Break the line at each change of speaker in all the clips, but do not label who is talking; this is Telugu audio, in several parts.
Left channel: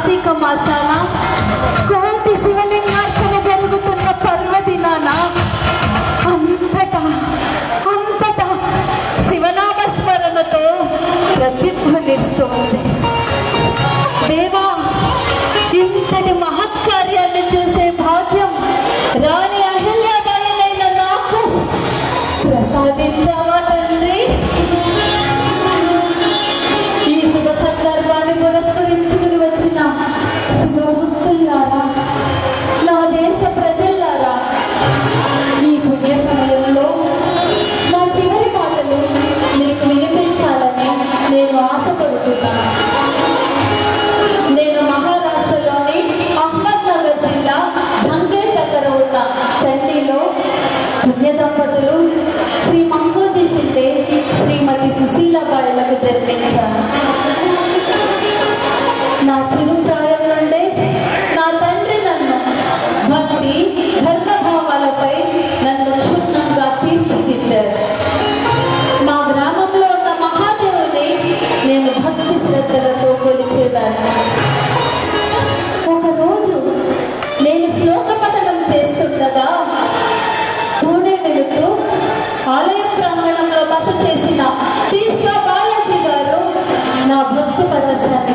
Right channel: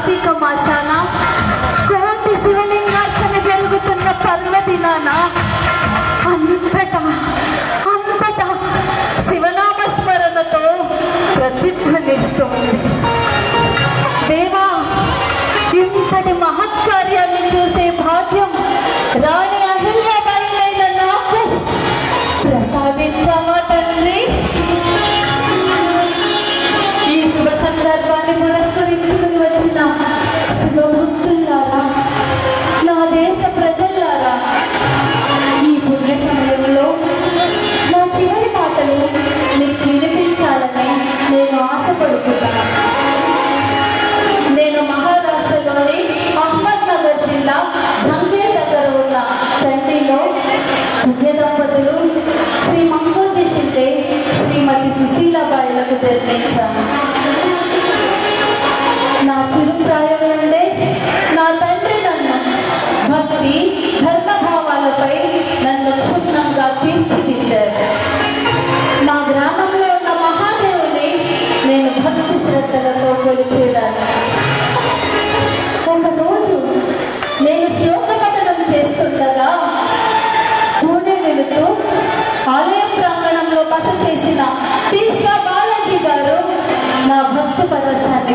कार्तिक का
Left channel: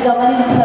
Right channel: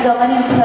go. My name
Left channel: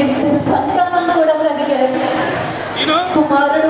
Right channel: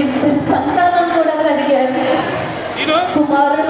ఇంత సంతానం కూడా కలిగారు కుమారుడు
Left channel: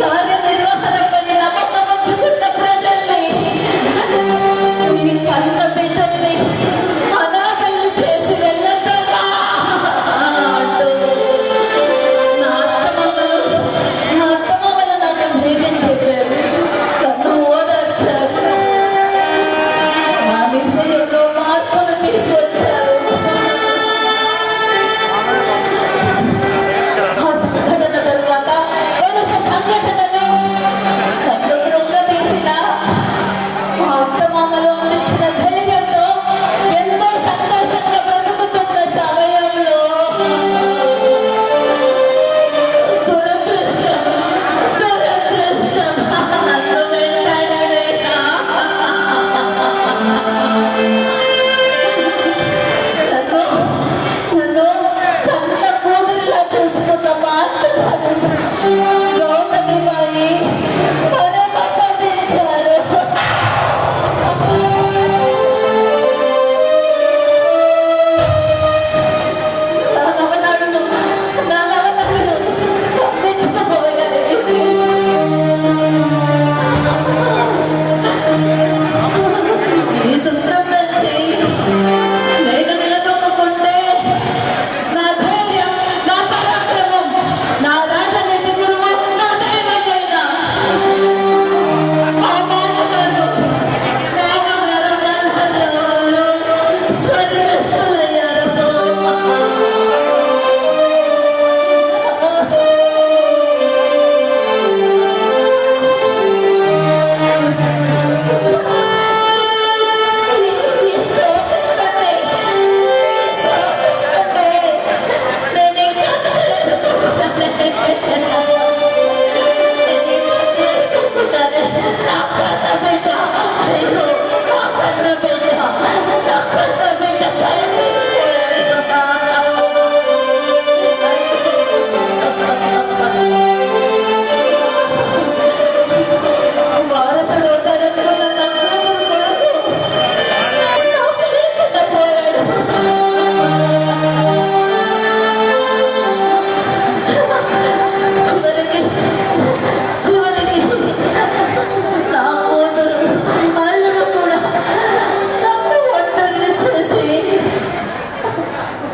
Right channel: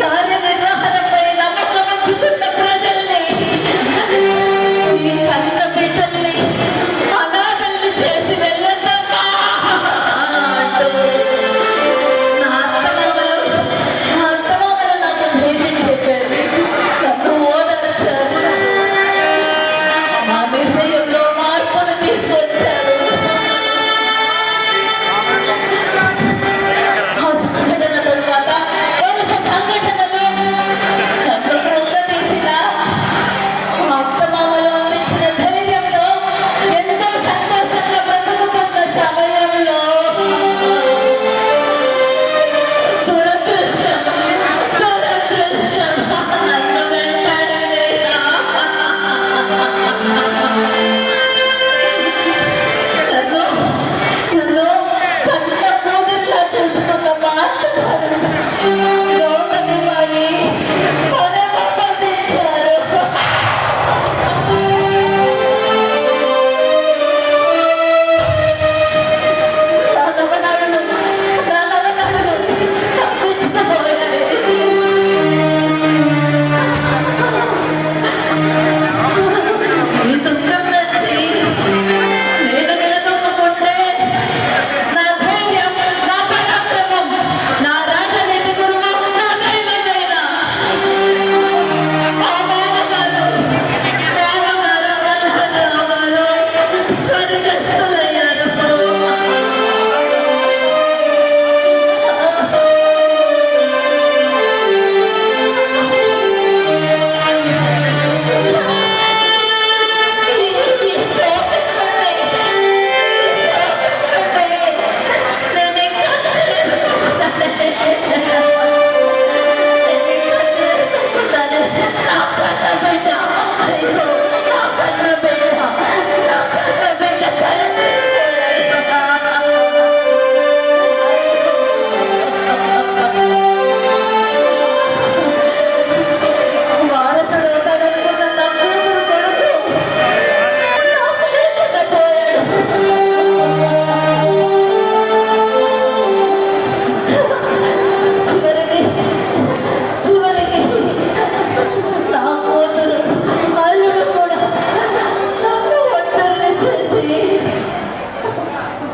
ಕಾರ್ಯನಿರ್ವಹಣೆ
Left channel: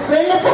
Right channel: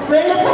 Pero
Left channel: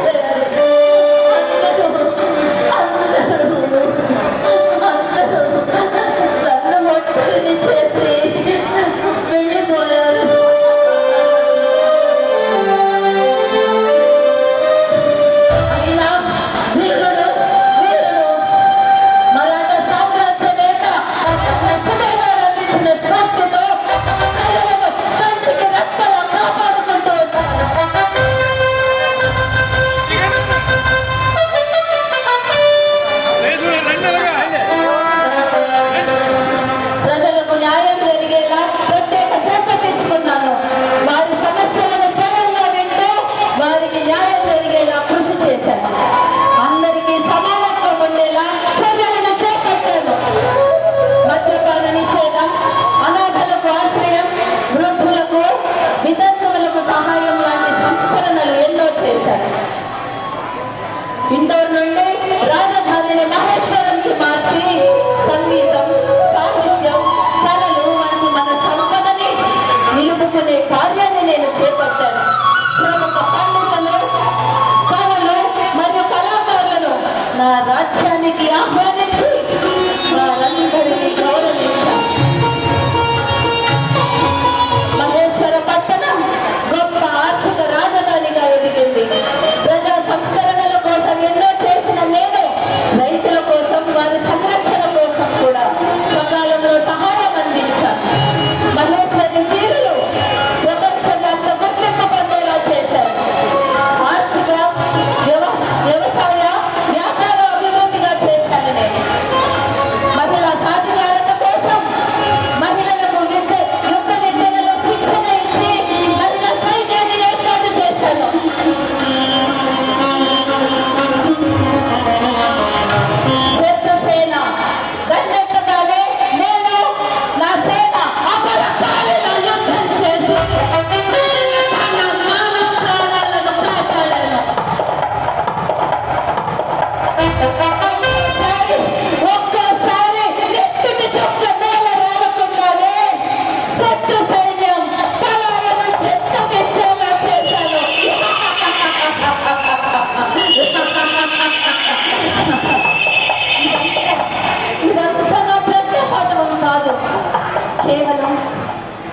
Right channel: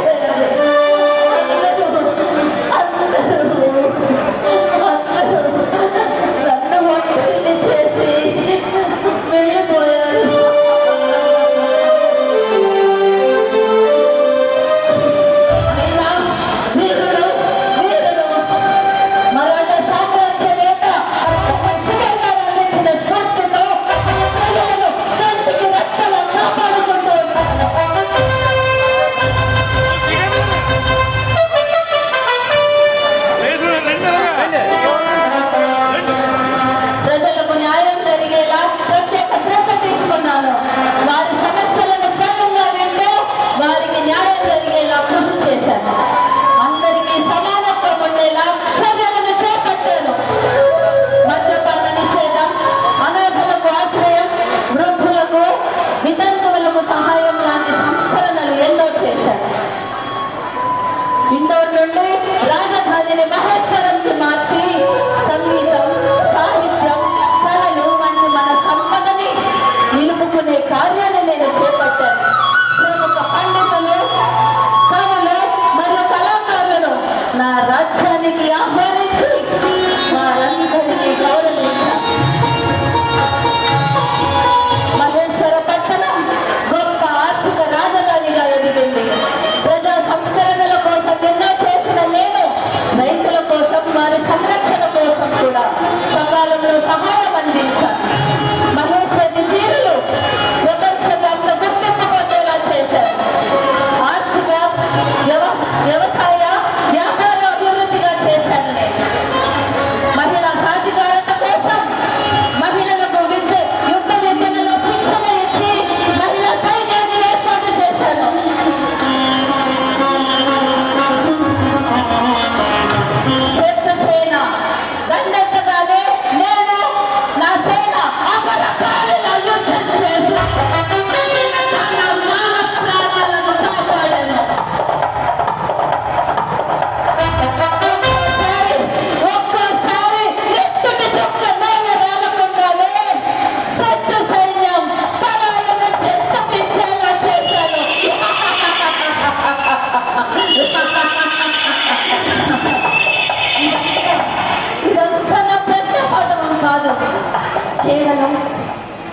Yeah.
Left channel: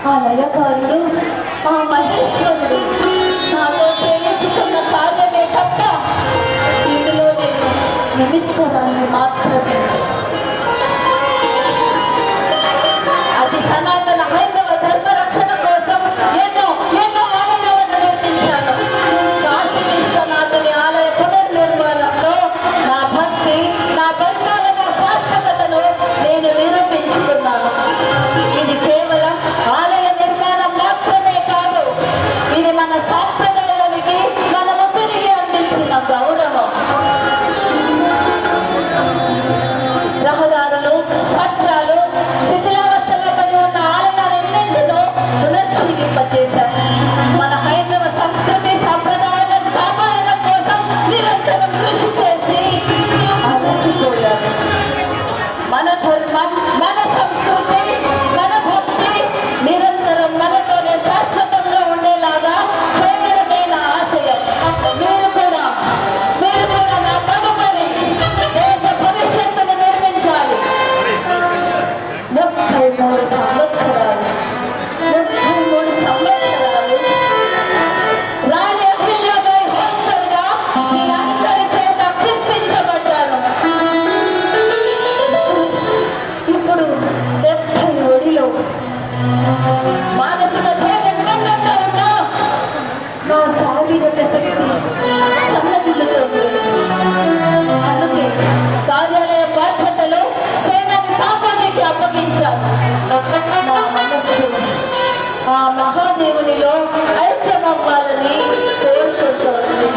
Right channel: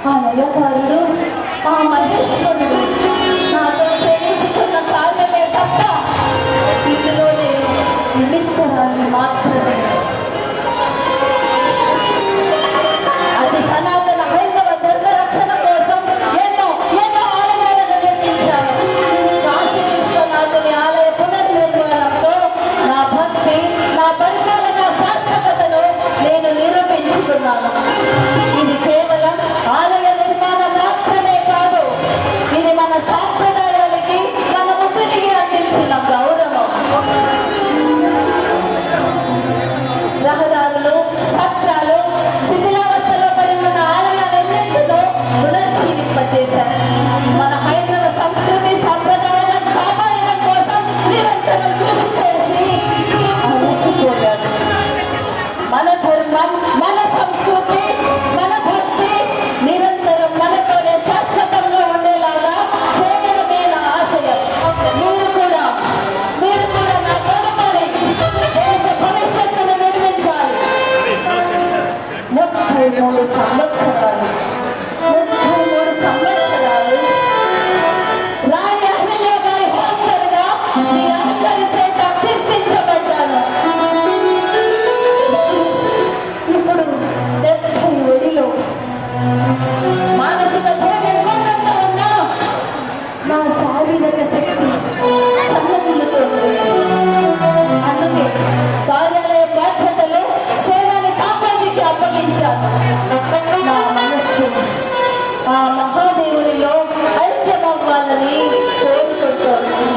ఆ లయకారుడు ఆ మహేశ్వరుడు నాతో ప్రేమించుకున్న ఇందులోనే మాత్రమే. అది సనాతన హైందవ ధర్మ రక్షణ కోసం ఎన్నో ఎన్నో ఆలయాలను నిర్మించాను కాశీ విశ్వనాథుని ఆలయ పునర్నిర్మాణంలో నా భక్తి నా బంధాల నా సార్థకతను నేను నిరూపించుకున్నాను. మహాదేవునిలో ఐక్యమవ్వాలని కోరుకుంటోంది